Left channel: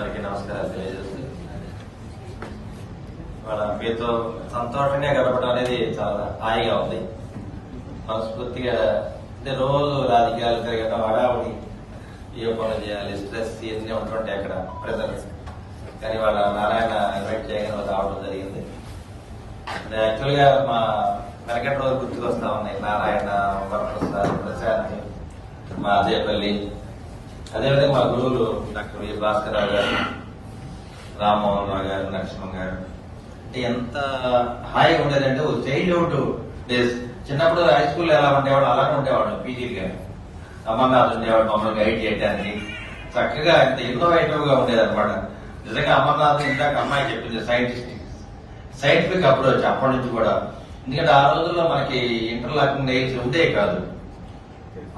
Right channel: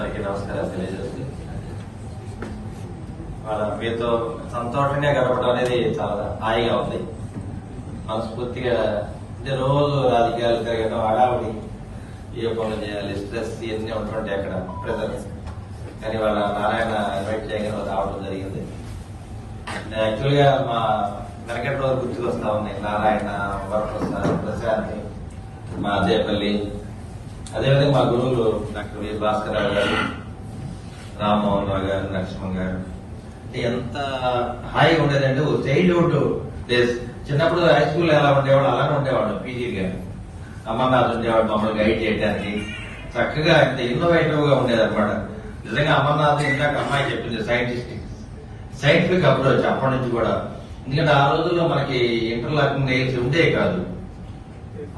అందరికీ నమస్కారం తెలియజేస్తుంది. మన మీతో సంతోషంగా గడపడం అనేది చాలా హాయిగా ఉంది. మనస్ఫూర్తిగా అంటే రోజు రాజకీయాలు తిరగడం హడావుడి ఏ పనులు చేయాలి స్ట్రెస్ ఇవన్నీ ఉంటుంటాయి అక్కడ ప్రజలు కానీ వాళ్ళ నారాయణ ఇన్వైట్ చేయడం రావడం జరిగింది. యాక్చువల్గా మా వెనకటి రోజు గుర్తుకొస్తా ఉన్నాయి. నారాయణ వరప్రసాద్ ప్రశాంత్ మా అదేపల్లి అదేవిధంగా మా గురువులు డాక్టర్ వి. భాస్కర్ రావు గారు రామ్మోహన్ రావు గారు నరసింహన్ గారు అంటే ఎంత హాయిగా ఉండేదంటే ఓ చైల్డ్హుడ్ డేస్. చిన్నప్పుడు హై స్కూల్ ఎలా ఉండేవాడు అలాగే ఉండేవాడు పీజీ గారు అమర్నాథ్ ఉండేవాడు మమ్మల్ని గైడ్ చేయడానికి చక్కగా ఎంత ఇన్నోవేటివ్గా ఉండేదన్నమాట. నిజంగా అమర్నాథ్ ఇందాక అమ్మాయి చెప్పింది సైంటిస్ట్ సైంటిఫిక్ అప్రోచ్ అప్పటి నుంచి కూడా. ఎందుకంటే ఆ రోజుల్లో మనకి ఇంటర్లాకింగ్ నెయిల్స్ ఉండేవి కాదు.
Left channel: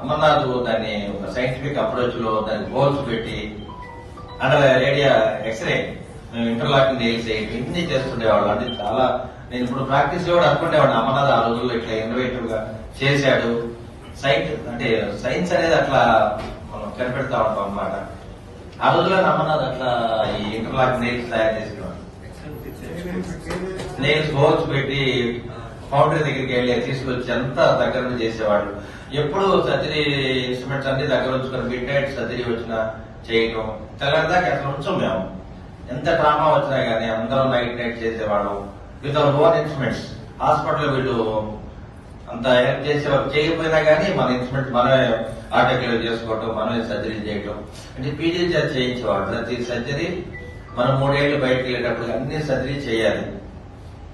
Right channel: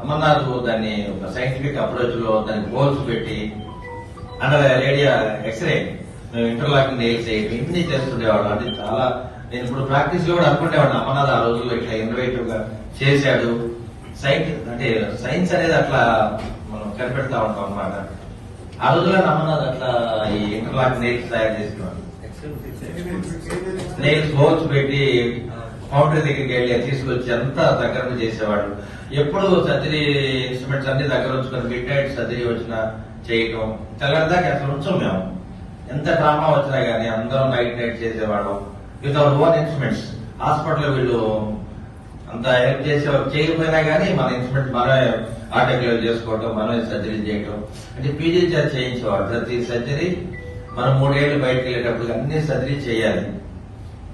అమర్నాథ్ దాన్ని ఒక సైంటిఫిక్ అప్రోచ్లో దాన్ని గోల్స్ పెట్టి under area X-ray interlocking nails ఇన్ని చేస్తుండేవాడు అది చాలా నేను ఇప్పుడు ప్రాక్టీస్లో కూడా అనుకునేవాడు అమర్నాథ్ ఆ రోజుల్లో ఇట్లా ఇన్నోవేటివ్గా చేశాడు. సైన్స్ అంటే సైన్స్ అనేది అట్లా మనం కనిపెడతా ఉంటాం అన్నమాట. ఆ రోజుల్లో అమర్నాథ్ అట్లా ఈ ఇంటర్లాకింగ్ నెయిల్స్ తయారు చేసేవాడు. నెయిల్స్ హోల్స్ పెట్టి ఫౌండరీ దగ్గరికి వెళ్ళి తీసుకొచ్చి అంతా దగ్గర చేసేవాడు ఎప్పుడు సర్జరీ ఇన్స్ట్రుమెంట్స్ అన్ని దగ్గర ఉంచుకొని మిడ్ సర్జరీ వచ్చినా చేయటం. తెల్లందాక అట్లా ఉంచాం మేము. ఎంత డ్రామా వచ్చినా గానీ అందరం నైట్ నైట్ చేసేవాళ్ళం. With our own instruments. Hospital వీళ్ళు అంత హెల్ప్ చేసేవారు చేయకపోయినా గానీ మన ఇన్స్ట్రుమెంట్ మనమే ఆటోగ్లో చేసుకోవటం మనమే సర్జరీ చేయటం. అంటే పీజీ చేసి చేయించేవాడు ప్రతి సర్జరీ మనం మూడేళ్ళు బయటకు వెళ్ళేటప్పుడు అన్ని సర్జరీ చేయాలి.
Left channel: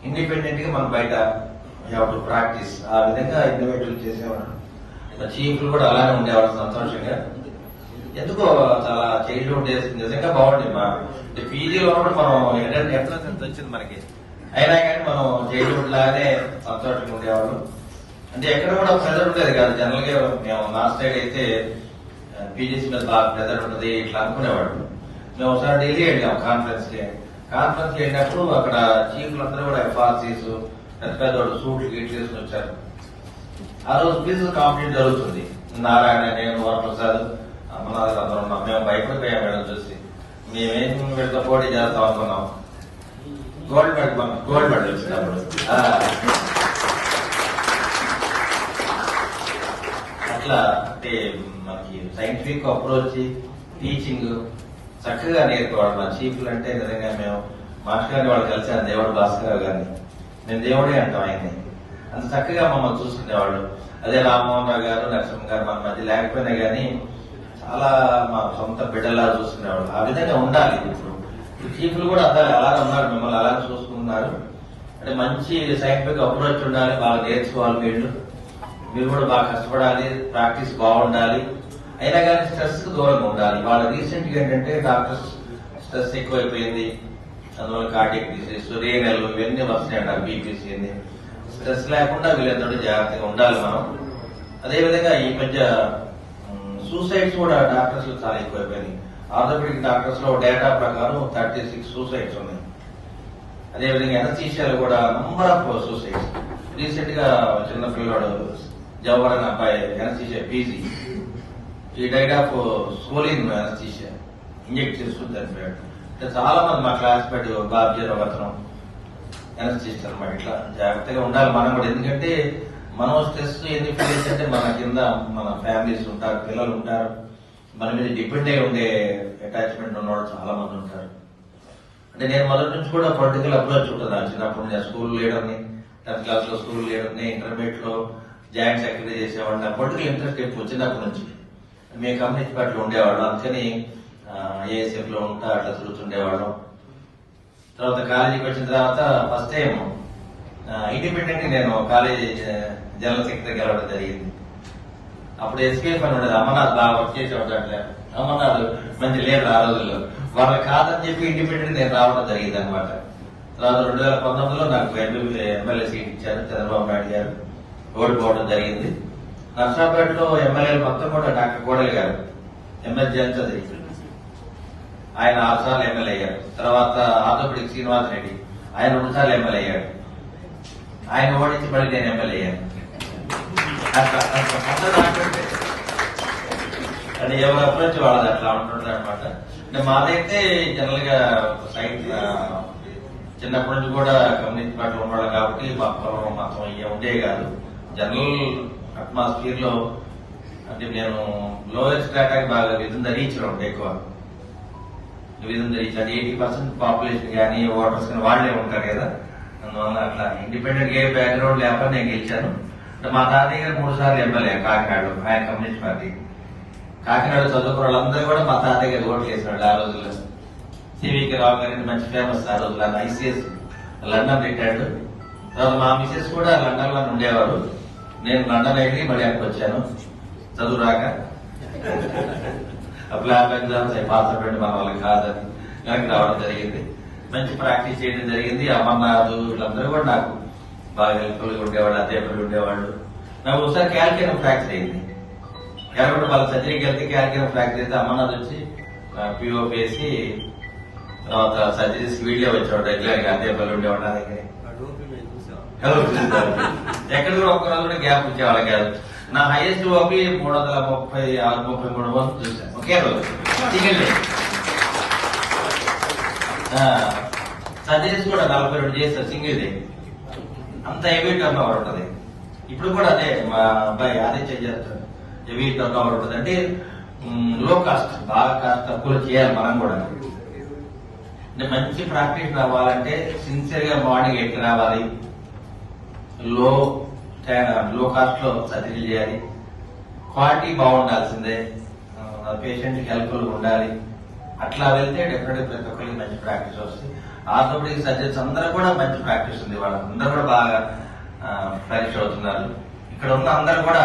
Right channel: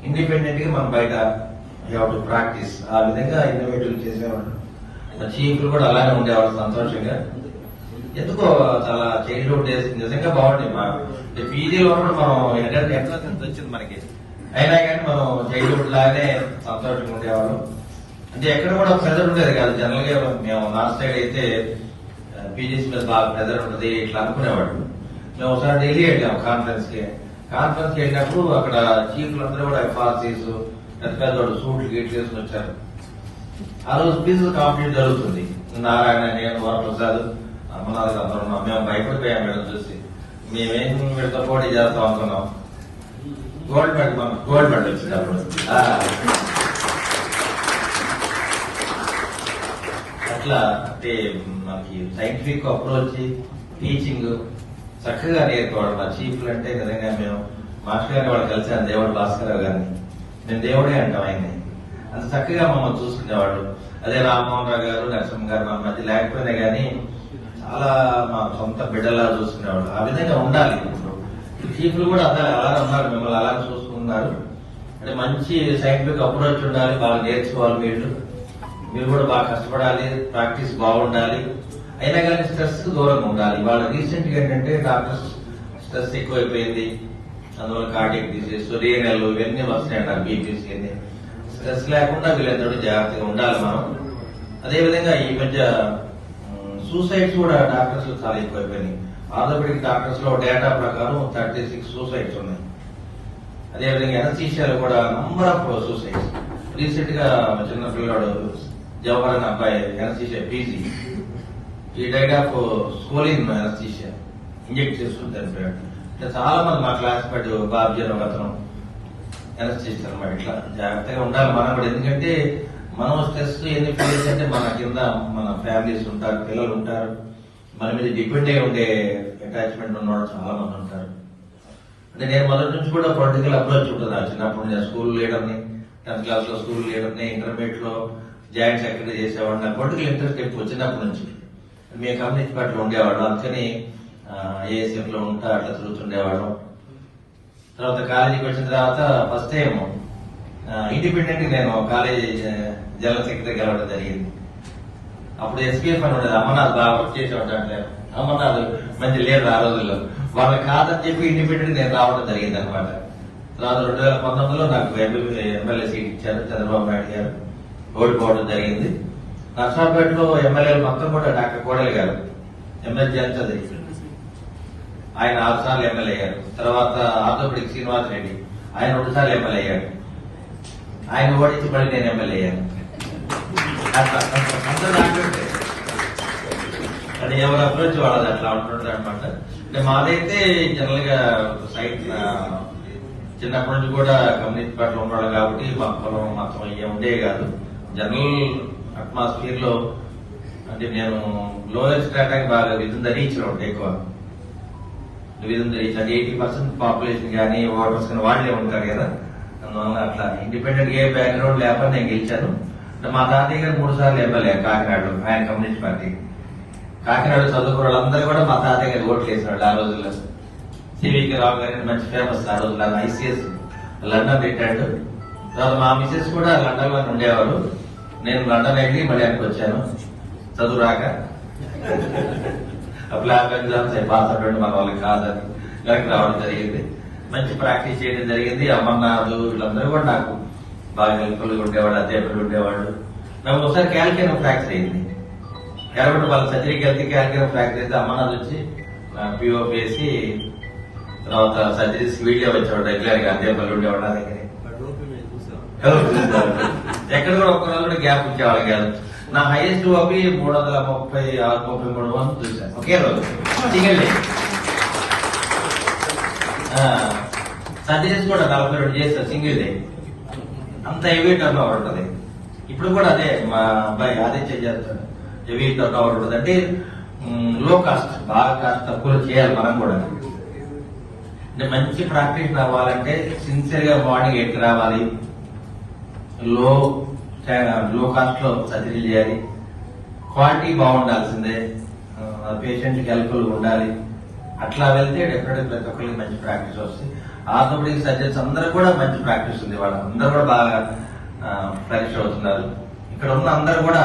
ఇండిపెండెంట్గా మనం బయట టు ప్రాక్టీస్ ఆ విధంగా ఇండివిజువల్ చేసేవాడు చీఫ్లు కూడా అలానే ఉండేవారు సంతోషంగా. ఎందుకో చాలా చైల్డ్హుడ్ డేస్ నిజంగా బాగుంది మా పీజీలో కూడా మనం ఎక్కడ ఎంత వచ్చింది మనకి? అయినా కానీ మనం చైల్డ్హుడ్ లాగానే సంతోషంగా ఉండేవాళ్ళం. అంటే ఎక్కడ కూడా ప్రెజర్ ఉండేది కాదు. జనరల్గా మేము లాస్ట్ సైడ్ అయితే పీజీస్ మీద బాగా ప్రెజర్ ఉంటుంది ఇట్లా అనుకునేవాడు మేము ఒకసారి ఢిల్లీ వెళ్ళాం కాన్ఫరెన్స్కి. కాన్ఫరెన్స్ అయినప్పుడు అక్కడ చీఫ్లు అందరూ కూడా ఎఫ్ఆర్సీస్ పెద్ద పెద్ద వాళ్ళు సూట్లు గీట్లు వేసుకుని వచ్చారు. ఆ రోజు పీసెస్ కాంపిటీషన్ జరుగుతుంది. నారాయణ నేను వరప్రసాద్ అమర్నాథ్ అందరూ ఉన్నాం. మేము భయపడిపోయాం మేడం చూసి. మేమేం వీళ్ళతో పోటీ చేస్తాం అనుకున్నాం. గోల్డ్ మెడల్ మనం గోల్డ్ మెడల్ వచ్చినప్పుడు. ఆ. అట్లా అంటే మనకి సైంటిఫిక్ అప్రోచ్ టీచింగ్ చక్కగా నేర్పేవాడు మా చీఫ్లు అంటే నిజంగా మేము మాస్టర్ వాళ్ళు కలిసాను దేవుడు భాస్కర్ గారిని. నేను దేవుడే అంటాం ఆయన్ని. అంత చక్కగా మమ్మల్ని చూసుకునేవాళ్ళు. అదే రామ్మోహన్ గారు నరసింహ గారు మా మధ్య లేకపోయినా కానీ చాలా మా సొంత బిడ్డలా చూసుకునేవాడు ఆ విధంగా ఉండాలి ఇప్పుడు. ఈ చీఫ్లు కూడా అసలు అలా ఉన్నారు మిమ్మల్ని అలా చూసుకున్నారు అంటే మంచి సైంటిఫిక్ అప్రోచ్ ఉండాలి వాళ్ళు నేర్చుకోవాలి వీళ్ళు. మీరు కూడా బాగా కష్టపడాలి ప్రాక్టీస్ బాగుండాలి. అయినా కానీ స్ట్రెస్ దూరంగా ఉండాలి. వాళ్ళ రీసెంట్గా ఏంటంటే డాక్టర్స్ స్ట్రెస్ ఎక్కువైపోయింది. అందువల్ల కార్డియక్ డిసీజ్ నెలలు ఇవన్నీ వస్తున్నాయి అంటారు బీపీసీ అని స్ట్రెస్ లేకుండా వీళ్ళందరూ జాగ్రత్తగా ఉండాలి మనం. అదేవిధంగా ఈ మధ్య సూసైడ్స్ కూడా డాక్టర్స్ చాలా ఎక్కువైపోయినాయి. ఆర్థోపెడిక్ డాక్టర్స్లో డేటా ప్రకారం థర్టీ సిక్స్ సూసైడ్స్ ఉన్నాయి. అదేవిధంగా ఎనసీషియాలు కూడా నంబర్ ఆఫ్ సూసైడ్స్ రీసెంట్గా చిన్న పిల్లవాడు జవహర్ అబ్బాయి ఎనసీషియా పీజీ ఈ diet of scoline anaesthesia inject చేసుకుంటారు చనిపోయాడు అంటే చాలా మంది మా క్లాస్ పెట్టి బాధ్యత వచనం ఎనసీషియా అనమాట ఇట్లా జాగ్రత్తగా ఉండాలి మనం కూడా. ఎందుకంటే మనం స్ట్రెస్ ఎన్ని ఫీల్ అంటే మన కింద మన ఫ్యామిలీస్ ఉంటారు పిల్లలు ఉంటారు. మన మీద డిపెండ్ అయి ఉండే అటాచ్మెంట్ ఉన్నవాళ్ళు చాలా మంది ఉంటారు. అంటే నేను మొదటి నుంచి కూడా పొలిటికల్ అప్రోచ్ ఉంటుంది ఆ చిన్నప్పుడు నేను స్కూల్ లీడర్ని టెన్త్ క్లాస్లో స్కూల్ లీడర్ని ఇంటర్మీడియట్లో జాయింట్ సెక్రటరీ చేసేవాడిని. నాకు పొలిటికల్ ఇంట్రెస్ట్ ఎక్కువ వచ్చినప్పటి నుంచి. మీ కమ్యూనిటీ పార్టీలో ఉండేవాళ్ళం. అందుకని ఏఎస్ఎఫ్లో ఉంటా అట్లా తిరుగుతుండేవాళ్ళం. తర్వాత కాలేజీకి వచ్చిన తర్వాత ఫస్ట్ టైం ఇండిపెండెంట్ నేను కాలేజీ జనరల్ సెక్రటరీ గెలవడం జరిగింది. అప్పుడు ఎస్పీఎస్ అని ఉండేది అమర్నాథ్ బాగా వర్క్ చేసేవాడు అమర్నాథ్ మంచి లేదు ఆ రోజుల్లో. వాళ్ళ కాదని చెప్పి ఇండిపెండెంట్ నేను రావడం జరిగింది అనమాట తర్వాత రెండు వేల పంతొమ్మిదిలో నాకు ఎమ్మెల్యే సీట్ ఇచ్చారు చంద్రబాబు నాయుడు గారు. ఓడిపోవడం జరిగింది. నర్సాపేటలో ఎమ్మెల్యేలు మొత్తం కూడా డాక్టర్ కోడలి గారు. ఎమ్మెల్యే ఆయన ఆరు సార్లు ఎమ్మెల్యే అయ్యారు. తర్వాత ఆంధ్రప్రదేశ్ శ్రీనివాస్ రెడ్డి. ఆయన రెండు సార్లు ఎమ్మెల్యే అయ్యాడు ఆయన ఓడించి మళ్ళీ నేను ఎమ్మెల్యే అయ్యాను. ఎవరు అప్రోచ్ వాళ్ళది అట్లా ఉంటుంటారు అనమాట ఇంకా మాదైతే జనరల్గా సైట్ చిన్నప్పటి నుంచి కూడా కమ్యూనిటీ పార్టీలో ఉన్నాడు కాబట్టి మా పొలం మాకు ఉండేవి కాదు. జనరల్ అట్మాస్ఫియర్లో అంటే నేను గ్లోబల్ స్ట్రాటాకి బాగా విధంగా రీచ్ ఉంటాయి ఎక్కువ. విధంగా రీచ్ అది ఎయిటీ పర్సెంట్ పాపులేషన్ కానీ ఓటర్స్ కానీ వాళ్ళే ఉంటారు కదా. అందువల్ల అట్లా ఇండిపెండెంట్ ఏ బ్యాక్గ్రౌండ్ లేకపోతే నేను గెలిచాను. అంటే మా తాతయ్య గారు మూడు సార్లు ఎమ్మెల్యే కాకినాడలో ఆయన కమ్యూనిస్ట్ పార్టీ. కాకినాడ చదువుకున్న వాళ్ళందరూ కూడా మా తాతయ్య గారు ఓట్లు వేసినాడు ఆ రోజుల్లో. సివికి రావు గారిని మంచి ఫేమస్ ఆ రోజుల్లో ఐసీఎస్ లండన్ పెట్టాడు. తర్వాత మా మిసెస్ కూడా లండన్లో ఉండేవారు. నేను లండన్ అయింది మళ్ళీ అక్కడికి వచ్చాను. చదువు రాక. ఆ ఎగ్జామ్స్ పాస్ అవ్వండి మన వాళ్ళకి కాదని నాకు రావడం జరిగింది. మంచి ప్రాక్టీస్ చేయడం జరిగింది. అమర్నాథ్ వీళ్ళందరూ కూడా నాకు బాగా హెల్ప్ఫుల్గా ఉండేవాళ్ళు అధ్యాపకులు ఉండేవాళ్ళు. నాకు ఒకసారి క్యాల్కియం ఫ్రాక్చర్ అయింది కాబట్టి వాళ్ళ సర్జరీకి వెళ్తే క్యాల్కియం ఫ్రాక్చర్ అయితే అమర్నాథ్ వచ్చి పిఓ వేసి తర్వాత సర్జరీస్ వీడియో వచ్చేవాడు రెగ్యులర్గా అధ్యాపకులు ఉండేవాళ్ళు నా దగ్గర. ఎక్కడ కూడా ఒక్క రోజు కూడా గ్యాప్ ఇచ్చేవాళ్ళం కాదు. నా హైయెస్ట్ ఓపి మూడు వందల ముప్పై ఆరు ముప్పై మూడు వందలు చూశాను. ఒకే రోజు. సింగిల్ సర్జరీస్ కూడా నలభై రెండు చేస్తారు సింగిల్ డే అంత హెవీ టర్న్ ఓవర్ ఉంటుంది. ఇప్పుడు కూడా అదే మా అబ్బాయి అదే చేస్తాడు హెవీ టర్న్ ఓవర్ ఉంటుంది. అంటే లో కాస్ట్ బాగా కాస్ట్ తక్కువ చేయాలి మనం కూడా. అంటే మంచి ప్రాక్టీస్ రావాలంటే సిన్సియర్గా బాడీ ఎట్కి రావాలి. లో లో కాస్ట్లో సర్జరీ చేయాలి. క్వాలిటీ బాగుండాల్సిందే. పేషెంట్కి హెల్ప్ఫుల్ ఉండాలి. అట్లా వెళ్తే డెఫినెట్ ప్రతి ఒక్కరికి మంచి ప్రాక్టీస్ వస్తుంది. ఆర్థోపెడిక్ సర్జన్స్ అందరూ కూడా మంచి ప్రాక్టీస్ ఉంది. వాళ్ళందరూ కూడా బాగా ఫ్రెష్ అవుతున్నారు. ఇక్కడ ఉన్న అందరూ కూడా